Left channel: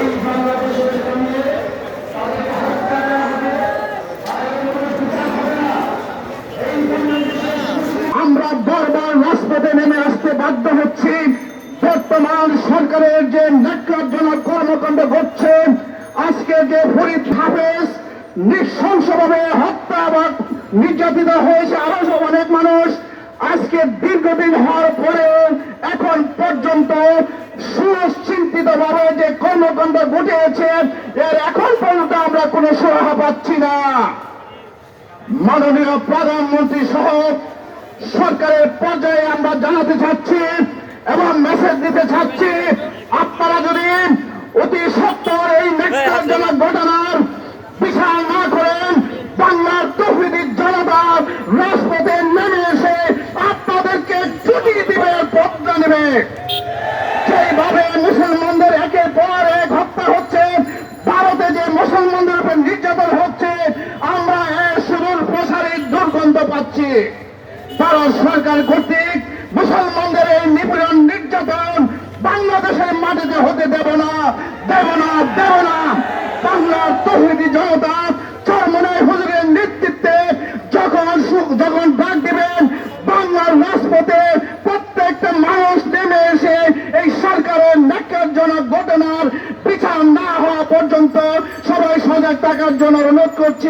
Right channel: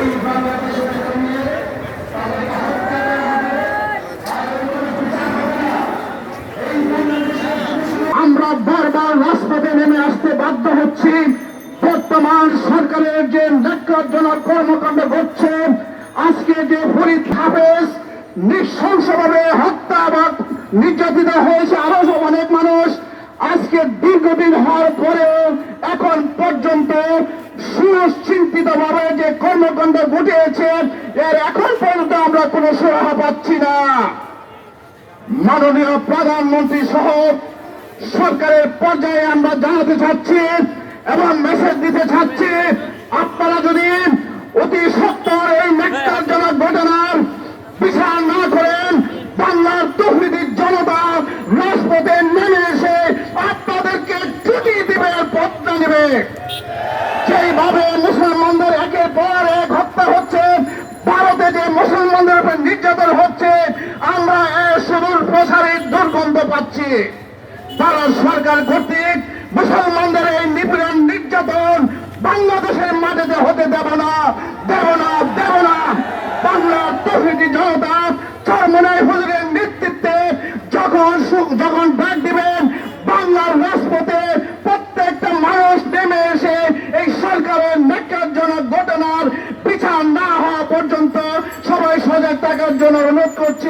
এই বাংলাদেশের সঙ্গে তাদেরকে হত্যা করা হবে, তাদের কোনো বিচার হবে না। এই বাংলাদেশের আমরা বারবার রাজপথে নেমে আসতে বাধ্য হচ্ছি। বর্তমান সরকারের যে ন্যাক্কারজনক কর্মকাণ্ড ঘটছে, আজকে যে ফরিদ হাফেজ নৃশংসভাবে হত্যা বা নির্যাতিত হয়েছে, আরো অনেক মানুষ আজকে দীর্ঘদিন হওয়ার পরেও এখন পর্যন্ত সুচিন্তিত ভাবে যে কর্মকাণ্ড ঘটেছে, এর এখন পর্যন্ত আমরা কোনো সুরাহা পাচ্ছি না। মাননীয় প্রধানমন্ত্রী সহ সরকারের পর্যায়ে আমরা জানাতে চাচ্ছি এবং মেসেজ দিতে চাচ্ছি, আপনারা যদি অতি সত্বর এই ন্যাক্কারজনক ঘটনার বিচার না করেন, বাংলার তৌহিদি জনতা রাজপথে নেমে এসে আপনাদেরকে ছুটি দিবে, বদলা নেবে। সেইভাবে মুসলমানদের একের পর এক হত্যা হচ্ছে, ভারতে যে মুসলমানদের উপর নির্যাতন হচ্ছে, আমরা এর সুদূর প্রসারের দুর্গন্ধ পাচ্ছি। ভারত সরকার কর্তৃক মুসলমানদের এই নিপীড়ন নির্যাতন বাংলাদেশের মাটিতে হতে দেব না, দেব না, দেব না। বাংলার তৌহিদি জনতা চরমনাই হুজুরের নেতৃত্বে যখন ডাক দিবেন, বাংলার রাজপথে প্রত্যেকটা মানুষ নেমে এসে এই সরকারের ন্যাক্কারজনক ঘটনার বিচার না হওয়া পর্যন্ত সবাই সজাগ থাকার জন্য অনুরোধ করছি।